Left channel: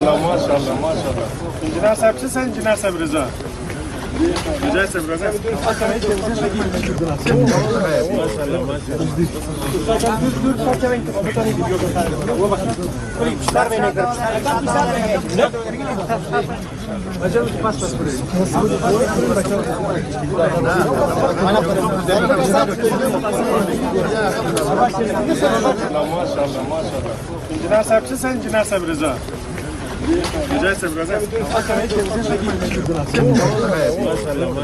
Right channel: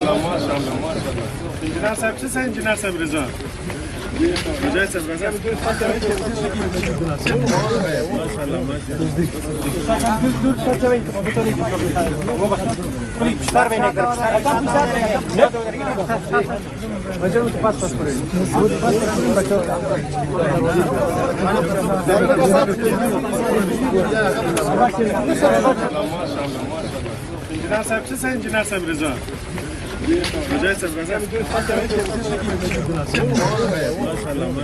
Maşallah maşallah. İncinar sapsı sen incinar sabrıza. Güzel sabrına. Evet maşallah maşallah. İncinar sapsı sen incinar sabrıza. Güzel sabrına. Evet maşallah.